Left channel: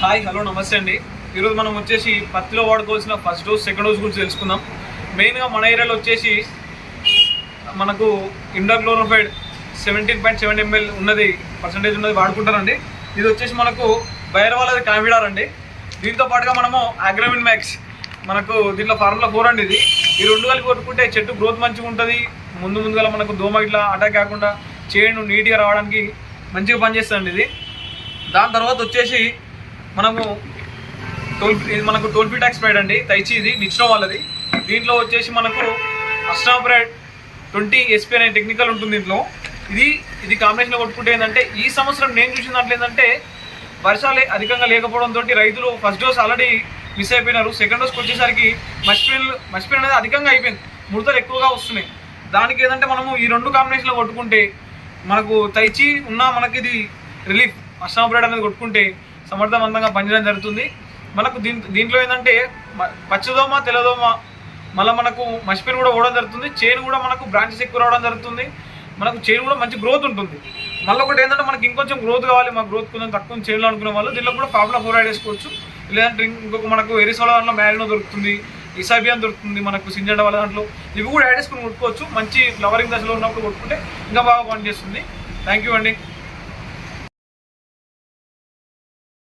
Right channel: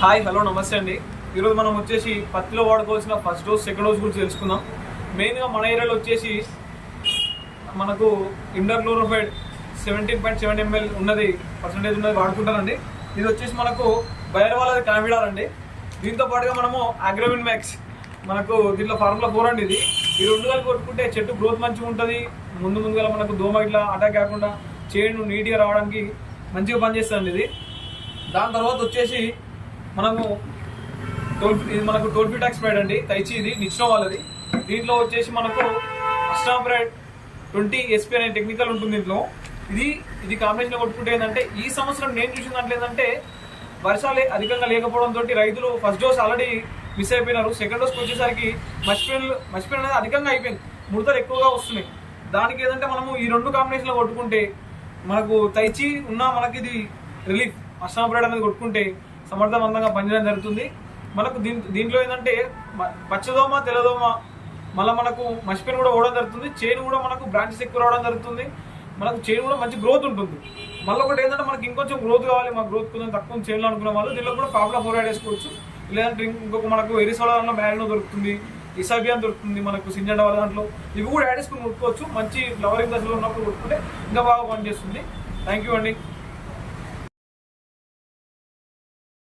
Hi hello నమస్తే అండి. ఈరోజు మనం వచ్చేసి పత్తిలో వాడుకోవాల్సిన ఫస్ట్ డోస్ సెకండ్ డోస్ గురించి తెలుసుకుందాం. మెయిన్గా మన ఏరియాలో వచ్చేసి మనకు ఇండాక్లోరోఫైడ్ 17.7 ml ఉన్నది పర్సంటేజ్ ఉన్నది వాడుకుంటారండి. ఇది వచ్చేసి మనకు బయర్ వాళ్ళది కామిడార్ అండి. దీంతో పాటుగా మనము అగ్రోవిన్ మ్యాక్స్ మనకు దీంట్లో ఫార్ములా 4 అండి. ఈ రెండు కలిపి కొట్టుకుంటే చెట్టు గ్రోత్ మంచిగా ఉంటుంది. ముందుగా మనకు దోమ ఇట్లా అటాక్ కాకుండా చేను నీట్గా రావడానికి మంచిగా పనిచేస్తుంది ఇది. దాని తర్వాత వచ్చేసి మనము మనకు టోల్ఫిటాక్స్ స్ప్రైడ్ అండి, తైచి ఇది నిచ్చిన వాళ్ళది. దీంట్లో వచ్చేసి మనకు అస్టాప్రైడ్ 20 SP అనే టెక్నికల్ ఉంటుంది దీంట్లో. ఇది కాంబినేషన్లో కొట్టుకుంటే ఏంటంటే ఈ సంవత్సరం నేను చూసిన దాంట్లో ఏంటంటే వర్షాలు అధికంగా లేకపోవడంతో రైతులు ఫస్ట్ డోస్ ఆల్రెడీ మిస్ అయిపోయినారు. సెకండ్ డోస్కి వచ్చేసరికి మసిపెయిన్ అనేది అధికంగా అయిపోయింది, ముడతలు ఎక్కువగా వస్తున్నాయి. దానికి ఏదంటే మనము ఈ రెండు కాంబినేషన్లో కొట్టుకుంటే మనకు తైచి ఉన్న మనకి ఇది రిలీఫ్ అస్టాప్రైడ్ అనేది కొట్టుకుంటే సమర్థవంతంగా పనిచేయడం జరుగుతుంది. మనకు దీంట్లో ఏంటంటే పచ్చదోమ తెల్లదోమ మళ్ళీ మనకు మసిపెయిన్ కూడా పోవడం జరుగుతుంది. చేను కూడా మనకు బ్రాంచెస్ ఎక్కువ రావడం జరుగుతుంది. మనకు చేను కూడా మంచి గ్రోత్ ఉంటుంది. మళ్ళీ ఒకటి ఏంటంటే మనకి ఇంకొంచెం గ్రోత్ కావాలి, మా గ్రోత్ కొంచెం తక్కువ చేనులో అనుకునే వాళ్ళు దీంట్లో కూడా ఫార్ములా 4 యాడ్ చేసుకోవచ్చు. లేదంటే ఇంకొక మనకు ఎరిసోలా దాంట్లో మ్యారినో దొరుకుతుంది, ఇసాబియాన్ దొరుకుతుంది, మనకు సింజండా వాళ్ళ దాంట్లో ఇవి కూడా యాడ్ చేసుకుని కొట్టుకోవచ్చు. మంచి ఫ్లవరింగ్ దశలో ఉన్నప్పుడు కొట్టుకుంటే ఇంకా బాగా పనిచేస్తుంది. థ్యాంక్ యూ అండి.